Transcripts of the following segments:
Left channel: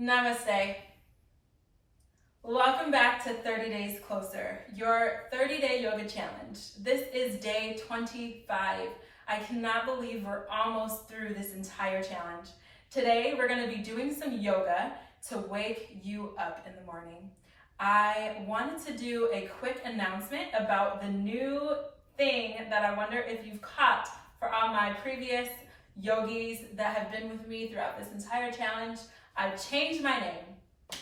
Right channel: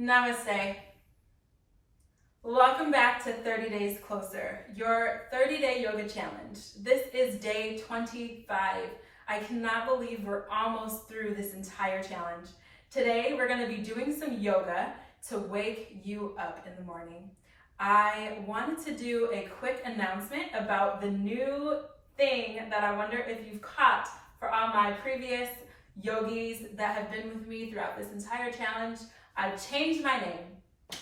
Namaste. Welcome back to 30 Days Closer, your 30-day yoga challenge. This is day 25. I cannot believe we're almost through this entire challenge. Today, we're going to be doing some yoga to wake you up in the morning. I wanted to do a quick announcement about the new thing that I wonder if you've caught for all my previous yogis that have been with me throughout this entire challenge. I've changed my name.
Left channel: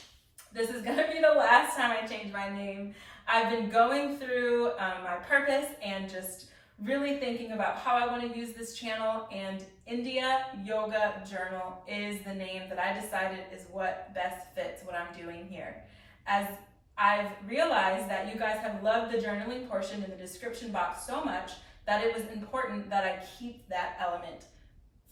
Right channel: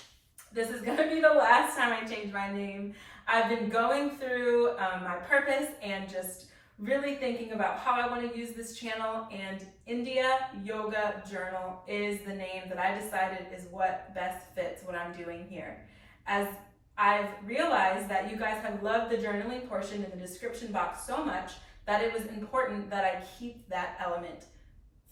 This is gonna be the last time I change my name. I've been going through my purpose and just really thinking about how I want to use this channel, and India Yoga Journal is the name that I decided is what best fits what I'm doing here. As I've realized that you guys have loved the journaling portion in the description box so much that it was important that I keep that element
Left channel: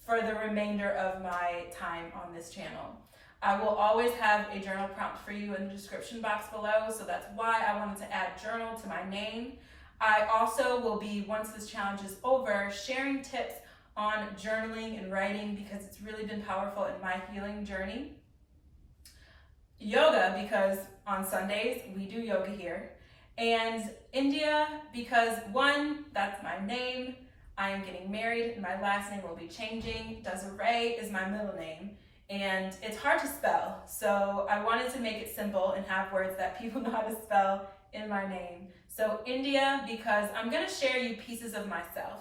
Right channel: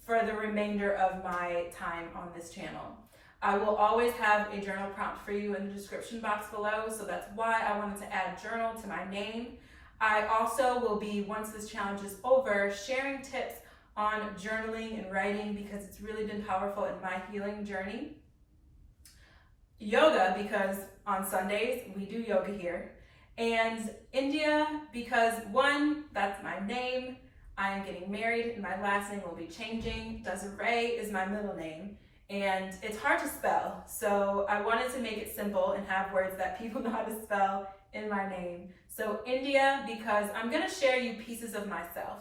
for the remainder of my time on this channel. I will always have a journal prompt for you in the description box below, so that's why I wanted to add journal to my name. I also will be, once this challenge is over, sharing tips on journaling and writing because it's really been powerful in my healing journey. Yoga, because on Sundays we do yoga here. And India, because one, that's my name. I am getting married and my last name will be changing. Desiree is my middle name. And it's hard to spell, so I wanted to make it simple and have words that people know how to spell in my name. So India, because I'm going to share you pieces of myself.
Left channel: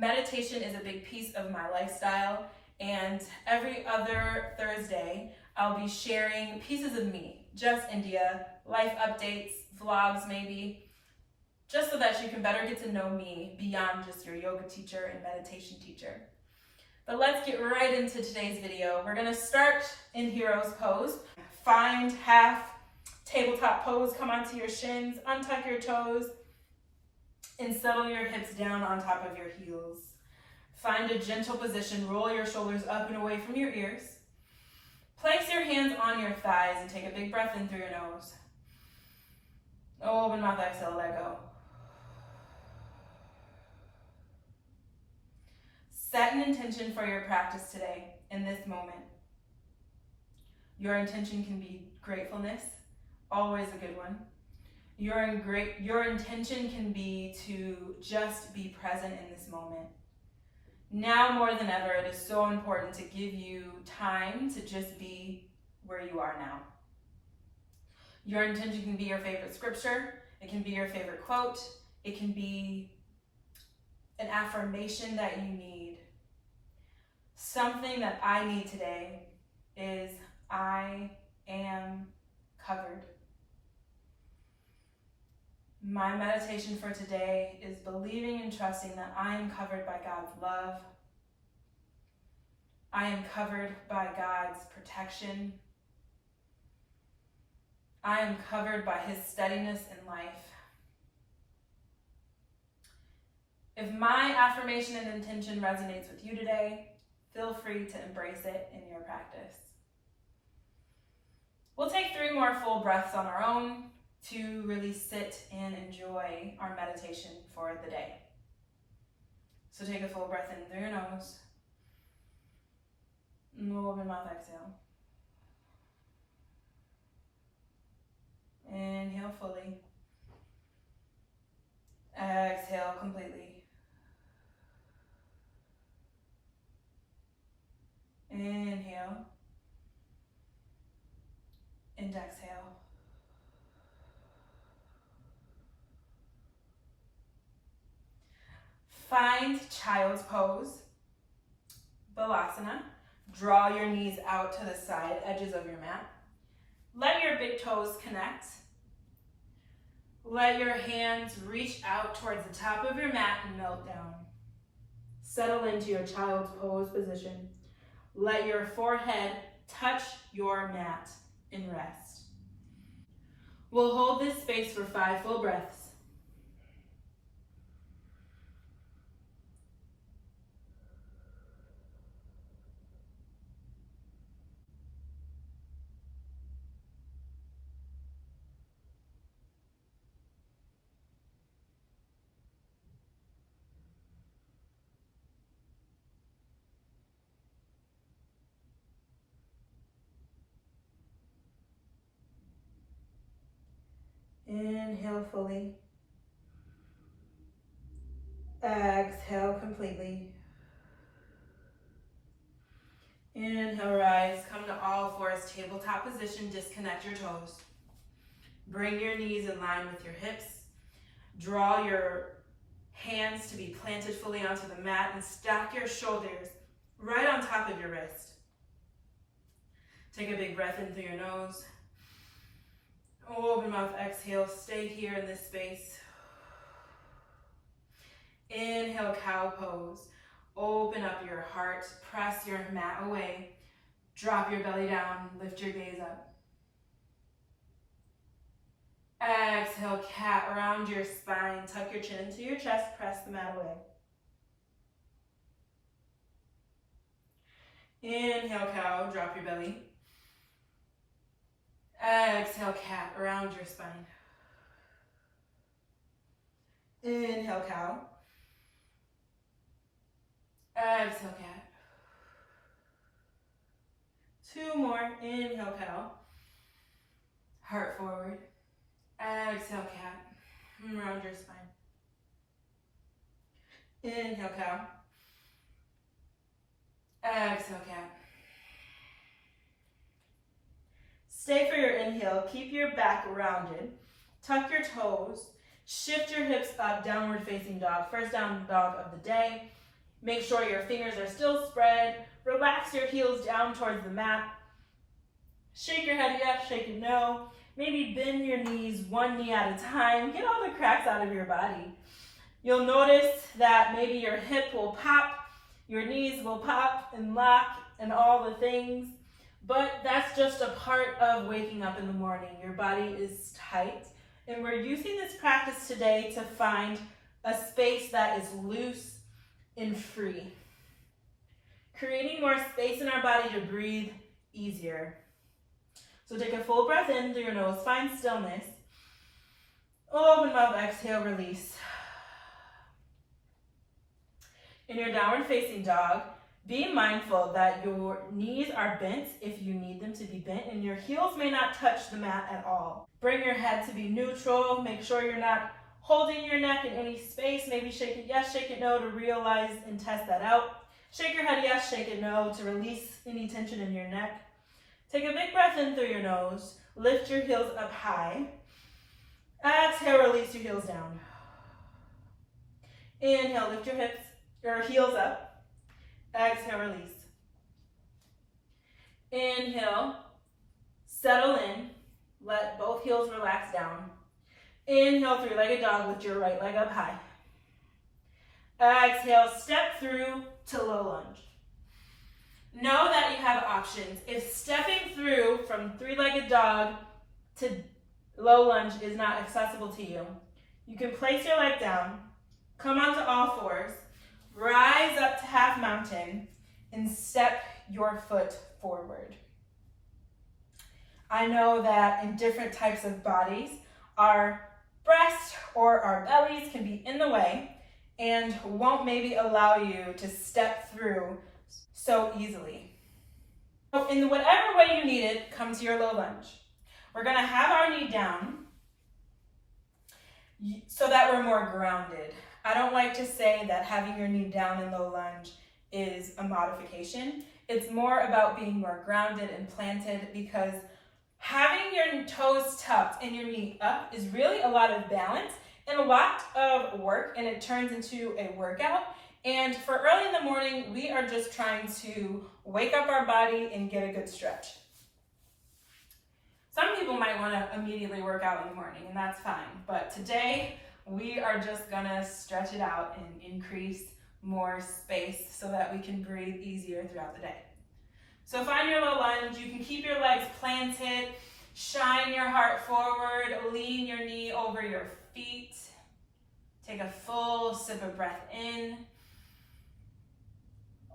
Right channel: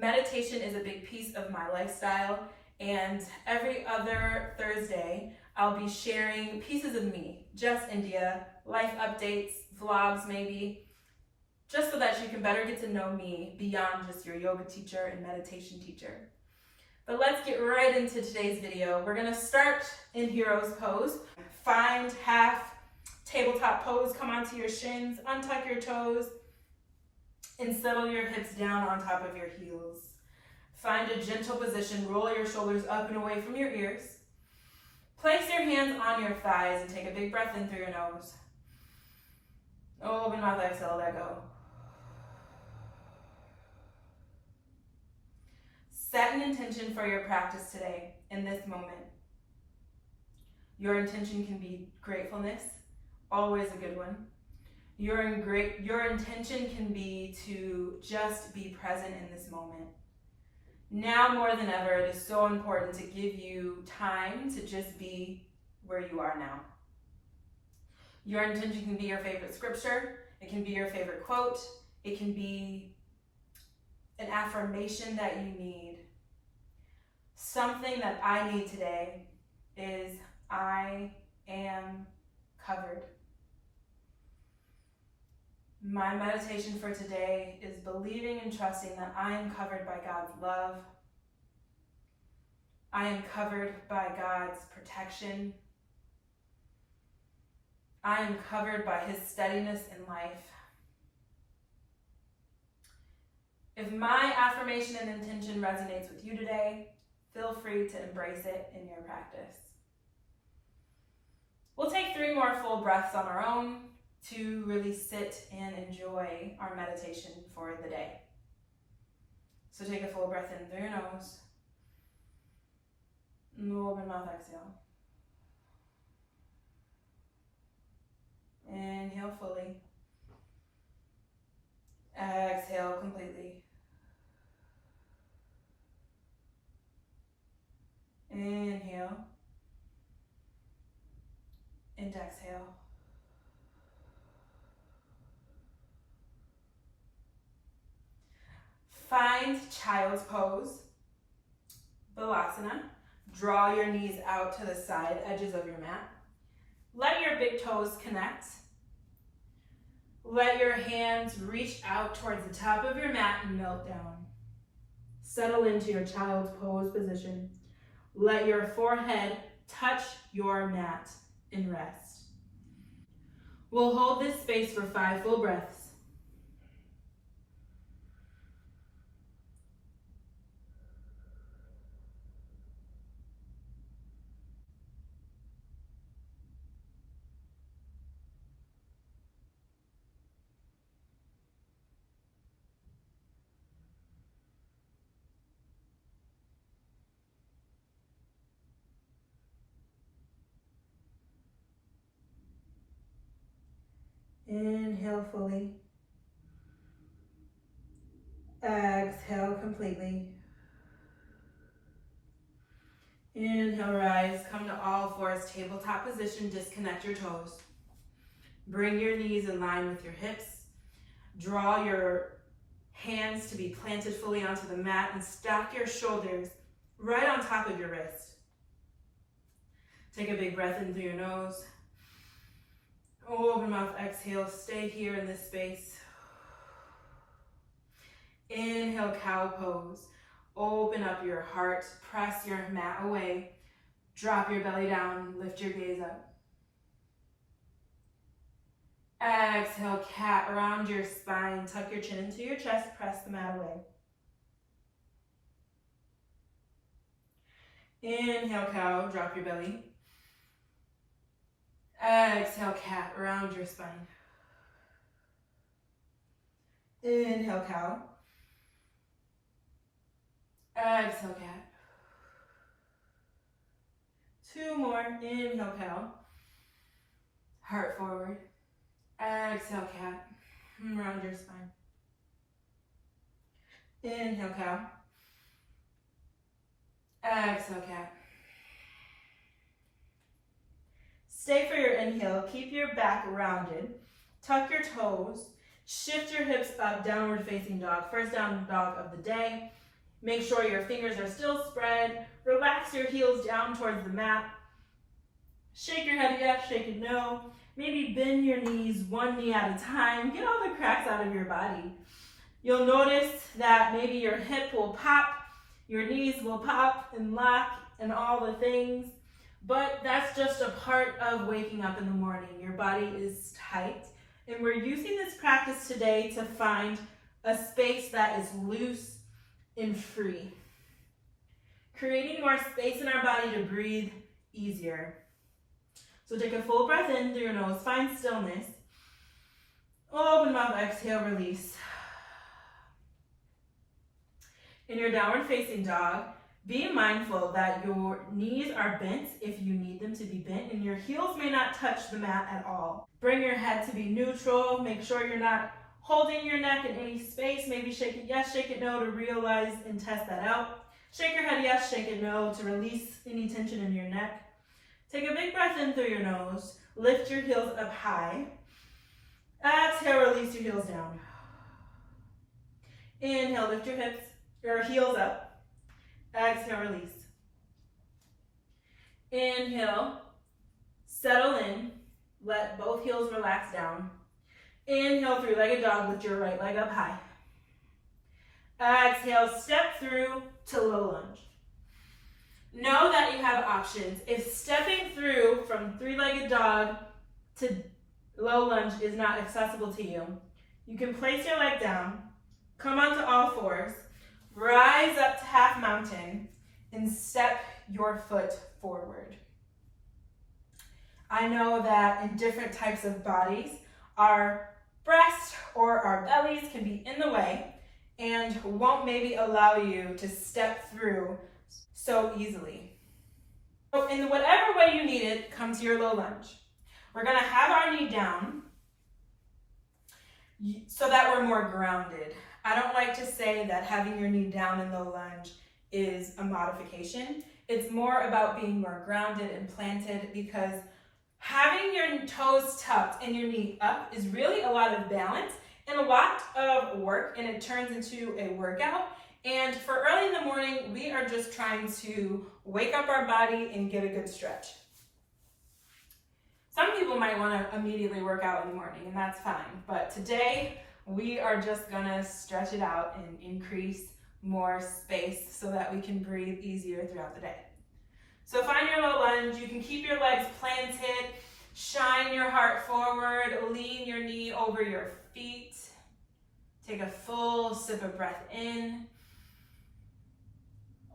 Meditation is a big piece of my lifestyle, and every other Thursday I'll be sharing pieces of me, just India, life updates, vlogs maybe, just so that you can better get to know me beyond just your yoga teacher and meditation teacher. But let's get right into today's video. We're gonna start in hero's pose. Find half tabletop pose, come onto your shins, untuck your toes, and settle your hips down on top of your heels. Find a gentle position, roll your shoulders up and away from your ears. Place your hands on your thighs and take a big breath in through your nose. Open mouth, exhale, let go. Set an intention for your practice today in this moment. Your intention can be gratefulness, always a good one. Your intention can be to just be present in this moment. Now more than ever, it is so important to give you time to just be where you are now. Your intention can be your favorite scripture, it can be your favorite quote, it can be an affirmation that you need. Something that I need today is I am covered. My meditation for today is believing and trusting that I am covered by God's love. I am covered by God's protection. I am covered by His steadiness in life. If my affirmation and intention resonates with you today, feel free to embrace it in your practice. We'll take 3 more full breaths on our own to really sit and enjoy our meditation for the day. So take a full breath in through your nose. Open mouth, exhale. Inhale fully. Exhale completely. Inhale and exhale. Find child's pose, Balasana. Draw your knees out to the side edges of your mat. Let your big toes connect. Let your hands reach out towards the top of your mat and melt down. Settle into your child's pose position. Let your forehead touch your mat and rest. We'll hold this space for 5 full breaths. Inhale fully. Exhale completely. Inhale, rise. Come to all fours, tabletop position. Disconnect your toes. Bring your knees in line with your hips. Draw your hands to be planted fully onto the mat and stack your shoulders right on top of your wrist. Take a big breath in through your nose. Open mouth, exhale. Stay here in this space. Inhale, cow pose. Open up your heart. Press your mat away. Drop your belly down. Lift your gaze up. Exhale, cat, around your spine. Tuck your chin into your chest. Press the mat away. Inhale, cow. Drop your belly. Exhale, cat, around your spine. Inhale, cow. Exhale, cat. 2 more. Inhale, cow. Heart forward. Exhale, cat. Around your spine. Inhale, cow. Exhale, cat. Stay for your inhale. Keep your back rounded. Tuck your toes. Shift your hips up, downward facing dog. First down dog of the day. Make sure your fingers are still spread. Relax your heels down towards the mat. Shake your head yes, shake it no. Maybe bend your knees 1 knee at a time. Get all the cracks out of your body. You'll notice that maybe your hip will pop, your knees will pop and lock and all the things. But that's just a part of waking up in the morning. Your body is tight. And we're using this practice today to find a space that is loose and free. Creating more space in our body to breathe easier. So take a full breath in through your nose, find stillness. Open mouth, exhale, release. In your downward facing dog, be mindful that your knees are bent if you need them to be bent, and your heels may not touch the mat at all. Bring your head to be neutral. Make sure you're not holding your neck in any space. Maybe shake it yes, shake it no to realize and test that out. Shake your head yes, shake it no to release any tension in your neck. Take a big breath in through your nose. Lift your heels up high. Exhale, release your heels down. Inhale, lift your hips, your heels up. Exhale, release. Inhale, settle in. Let both heels relax down. Inhale, three-legged dog, lift your right leg up high. Exhale, step through to low lunge. Know that you have options. If stepping through from three-legged dog to low lunge is not accessible to you, you can place your leg down, come onto all fours, rise up to half mountain, and step your foot forward. I know that in different types of bodies, our breast or our bellies can be in the way and won't maybe allow you to step through so easily. So in whatever way you need it, come to your low lunge. We're gonna have our knee down so that we're more grounded. I don't like to say that having your knee down in low lunge is a modification. It's more about being more grounded and planted, because having your toes tucked and your knee up is really a lot of balance and a lot of work, and it turns into a workout. And for early in the morning, we are just trying to wake up our body and get a good stretch. Some people might want to immediately work out in the morning, and that's fine. But today, we are just gonna stretch it out and increase more space so that we can breathe easier throughout the day. So find your low lunge. You can keep your legs planted, shine your heart forward, lean your knee over your feet. Take a full sip of breath in.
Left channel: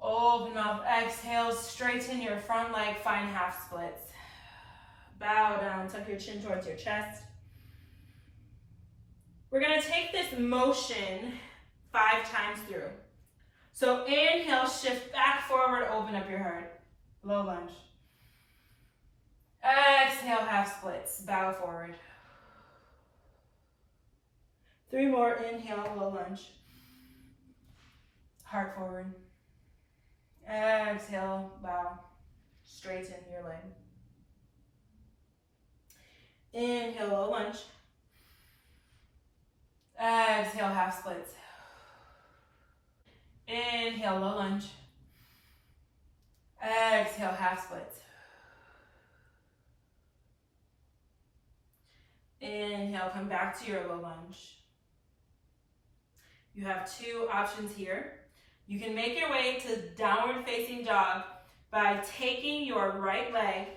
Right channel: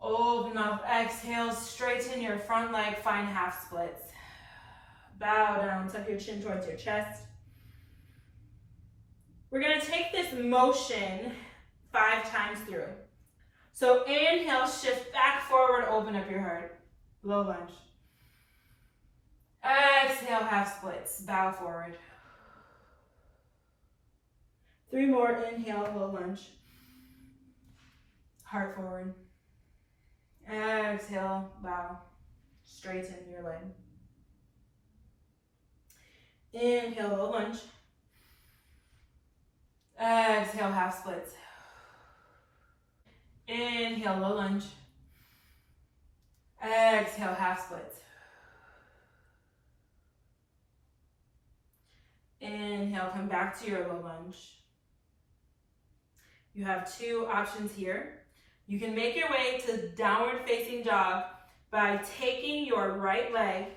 Open up, exhale, straighten your front leg, find half splits. Bow down, tuck your chin towards your chest. We're gonna take this motion 5 times through. So inhale, shift back forward, open up your heart. Low lunge. Exhale, half splits, bow forward. 3 more. Inhale, low lunge. Heart forward. Exhale, bow. Straighten your leg. Inhale, low lunge. Exhale, half splits. Inhale, low lunge. Exhale, half splits. Inhale, come back to your low lunge. You have 2 options here. You can make your way to downward facing dog by taking your right leg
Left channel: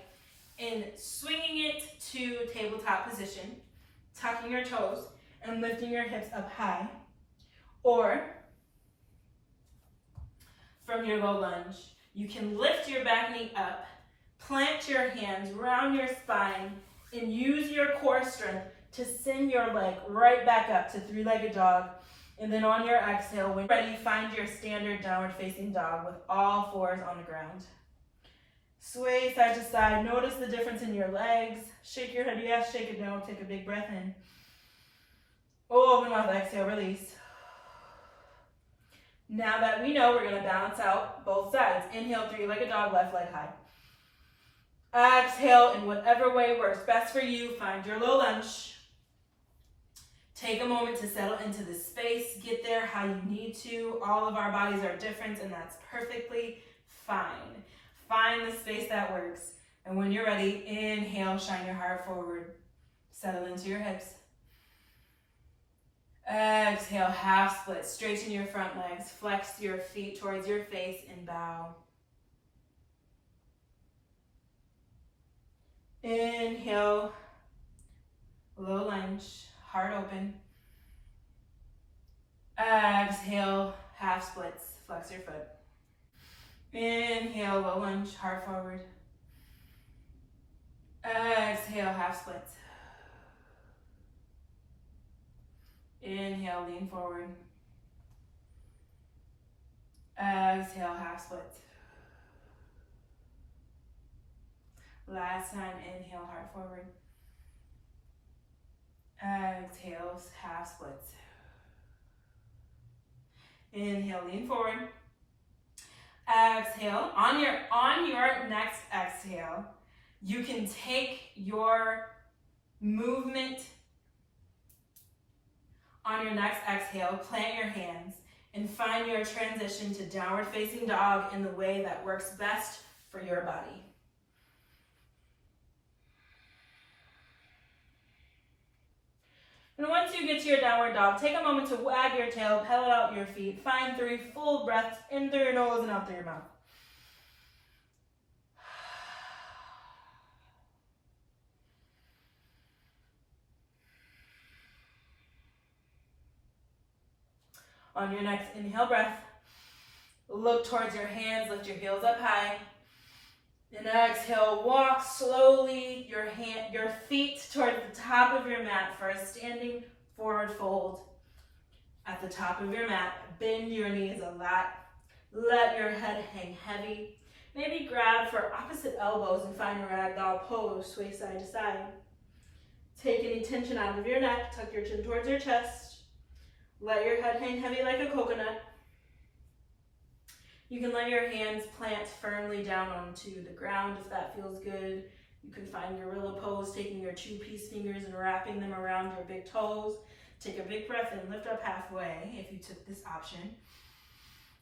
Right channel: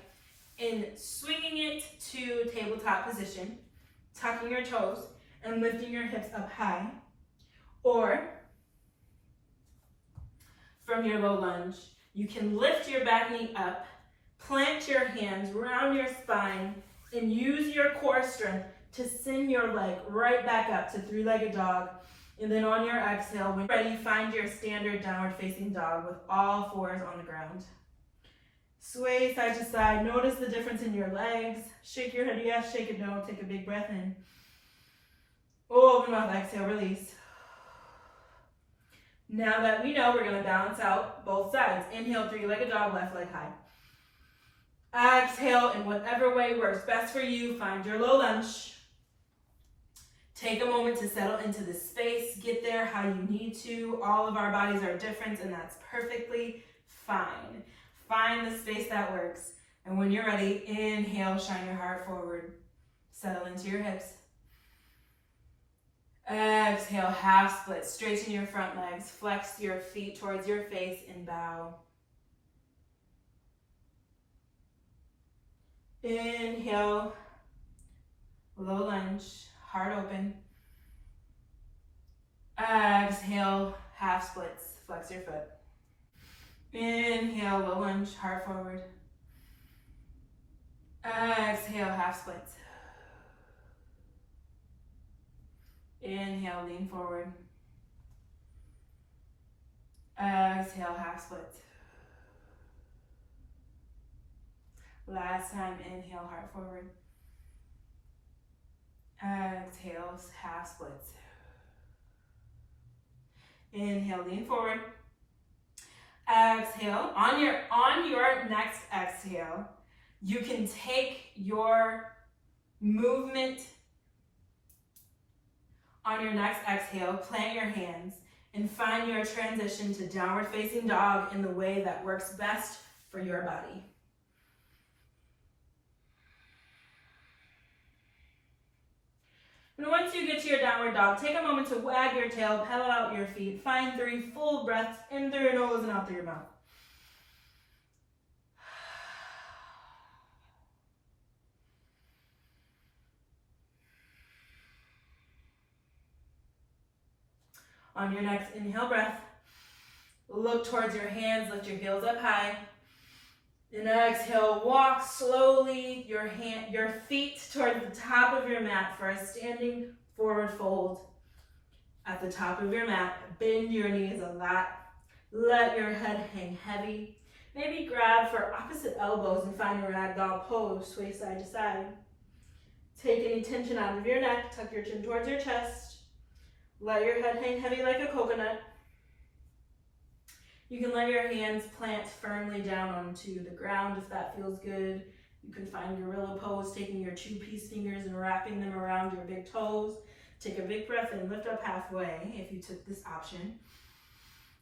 and swinging it to tabletop position, tucking your toes, and lifting your hips up high. Or from your low lunge, you can lift your back knee up, plant your hands round your spine, and use your core strength to send your leg right back up to 3-legged dog. And then on your exhale, when you're ready, find your standard downward facing dog with all 4s on the ground. Sway side to side. Notice the difference in your legs. Shake your head yes, shake it no. Take a big breath in. Open mouth, exhale, release. Now that we know, we're going to balance out both sides. Inhale, 3-legged dog, left leg high. Exhale, in whatever way works best for you, find your low lunge. Take a moment to settle into the space. Get there how you need to. All of our bodies are different, and that's perfectly fine. Find the space that works. And when you're ready, inhale, shine your heart forward. Settle into your hips. Exhale, half split. Straighten your front legs. Flex your feet towards your face and bow. Inhale, low lunge, heart open. Exhale, half splits. Flex your foot. Inhale, low lunge, heart forward. Exhale, half splits. Inhale, lean forward. Exhale, half splits. Last time, inhale, heart forward. Exhale, half splits. Inhale, lean forward. Exhale. On your next exhale, you can take your movement on your next exhale, plant your hands, and find your transition to downward facing dog in the way that works best for your body. And once you get to your downward dog, take a moment to wag your tail, pedal out your feet. Find 3 full breaths in through your nose and out through your mouth. On your next inhale breath, look towards your hands, lift your heels up high. And exhale, walk slowly your feet toward the top of your mat for a standing forward fold. At the top of your mat, bend your knees a lot. Let your head hang heavy. Maybe grab for opposite elbows and find a ragdoll pose, sway side to side. Take any tension out of your neck, tuck your chin towards your chest. Let your head hang heavy like a coconut. You can let your hands plant firmly down onto the ground if that feels good. You can find gorilla pose, taking your 2-piece fingers and wrapping them around your big toes. Take a big breath in, lift up halfway if you took this option.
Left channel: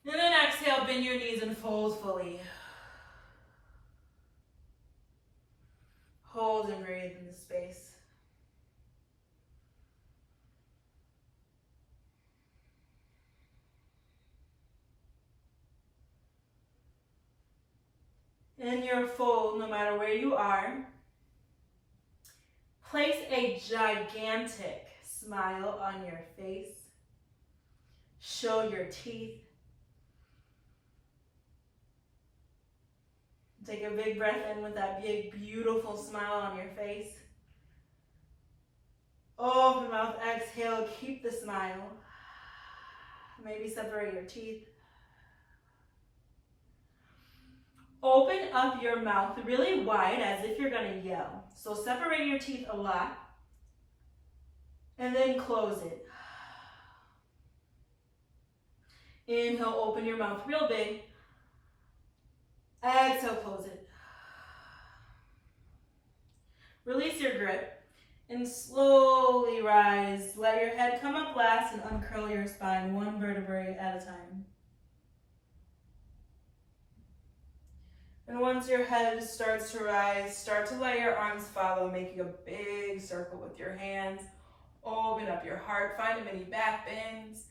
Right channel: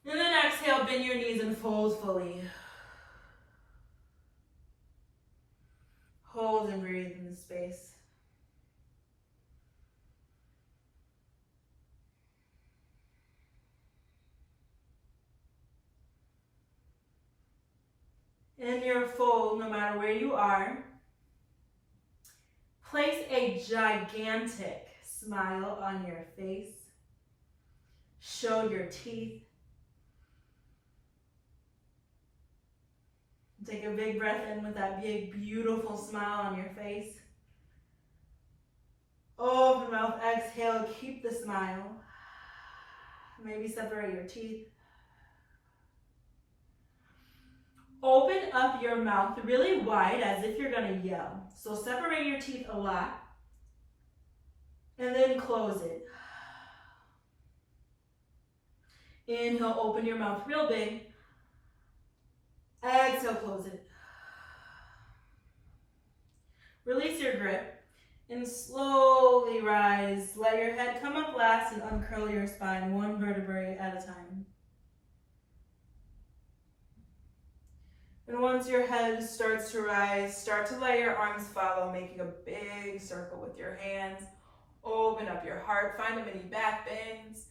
And then exhale, bend your knees and fold fully. Hold and breathe in the space. In your fold, no matter where you are, place a gigantic smile on your face. Show your teeth. Take a big breath in with that big, beautiful smile on your face. Open mouth, exhale, keep the smile. Maybe separate your teeth. Open up your mouth really wide as if you're gonna yell. So separate your teeth a lot and then close it. Inhale, open your mouth real big. Exhale, close it. Release your grip and slowly rise. Let your head come up last and uncurl your spine one vertebrae at a time. And once your head starts to rise, start to let your arms follow, making a big circle with your hands. Open up your heart, find a mini back bends.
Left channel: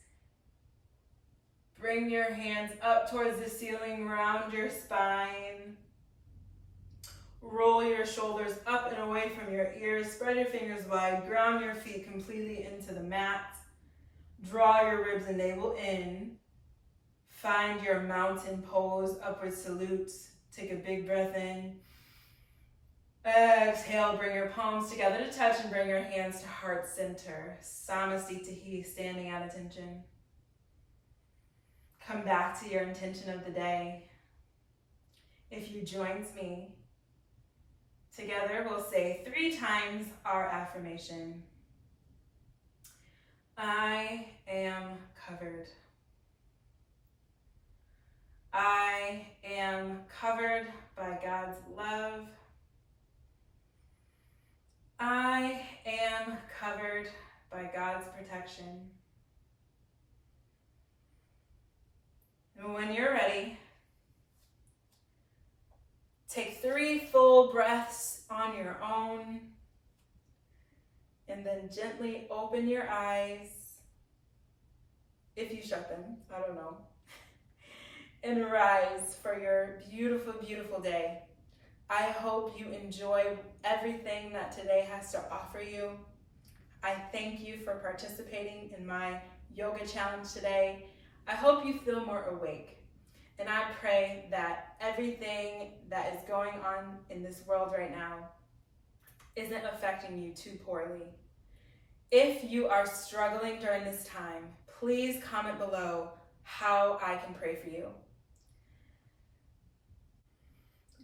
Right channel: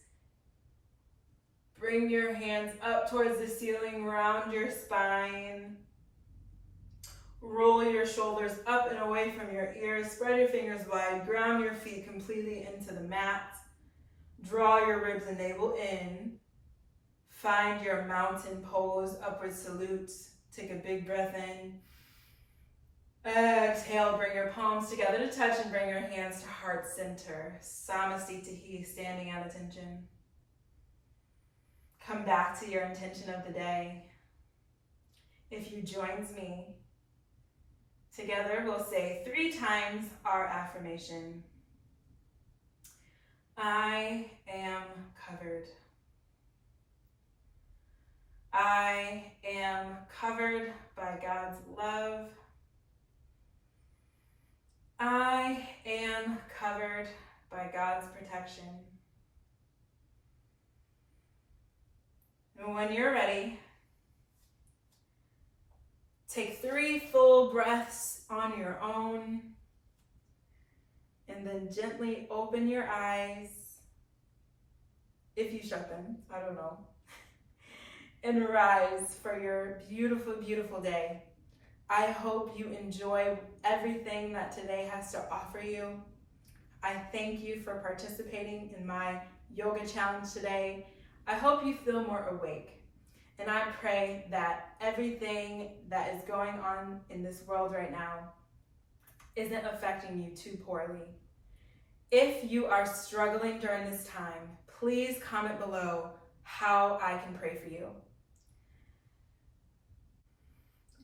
Bring your hands up towards the ceiling, round your spine. Roll your shoulders up and away from your ears. Spread your fingers wide. Ground your feet completely into the mat. Draw your ribs and navel in. Find your mountain pose, upward salute. Take a big breath in. Exhale, bring your palms together to touch and bring your hands to heart center. Samasthiti, standing at attention. Come back to your intention of the day. If you joined me, together we'll say 3 times our affirmation. I am covered. I am covered by God's love. I am covered by God's protection. And when you're ready, take 3 full breaths on your own, and then gently open your eyes, if you shut them, I don't know, and rise for your beautiful, beautiful day. I hope you enjoy everything that today has to offer you. I thank you for participating in my yoga challenge today. I hope you feel more awake. And I pray that everything that is going on in this world right now isn't affecting you too poorly. If you are struggling during this time, please comment below how I can pray for you.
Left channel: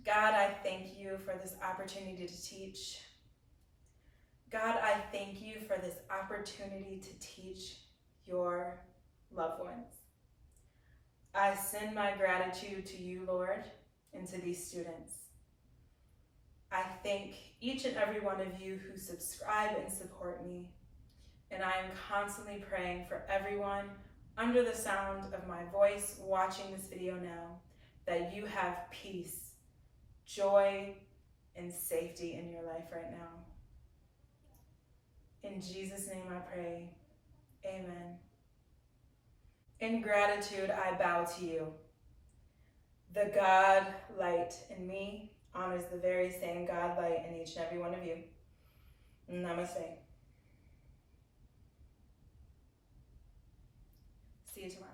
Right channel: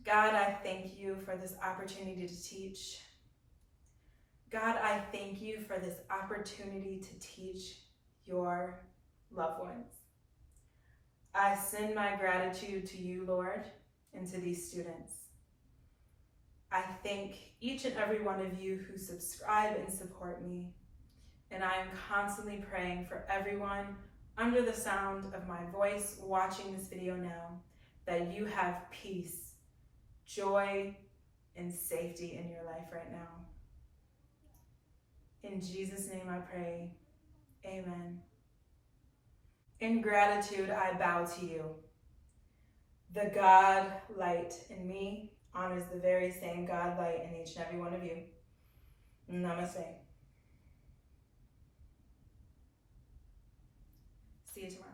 God, I thank you for this opportunity to teach. God, I thank you for this opportunity to teach your loved ones. I send my gratitude to you, Lord, and to these students. I thank each and every one of you who subscribe and support me, and I am constantly praying for everyone under the sound of my voice watching this video now, that you have peace, joy, and safety in your life right now. In Jesus' name I pray, amen. In gratitude, I bow to you. The God light in me honors the very same God light in each and every one of you. Namaste. See you tomorrow.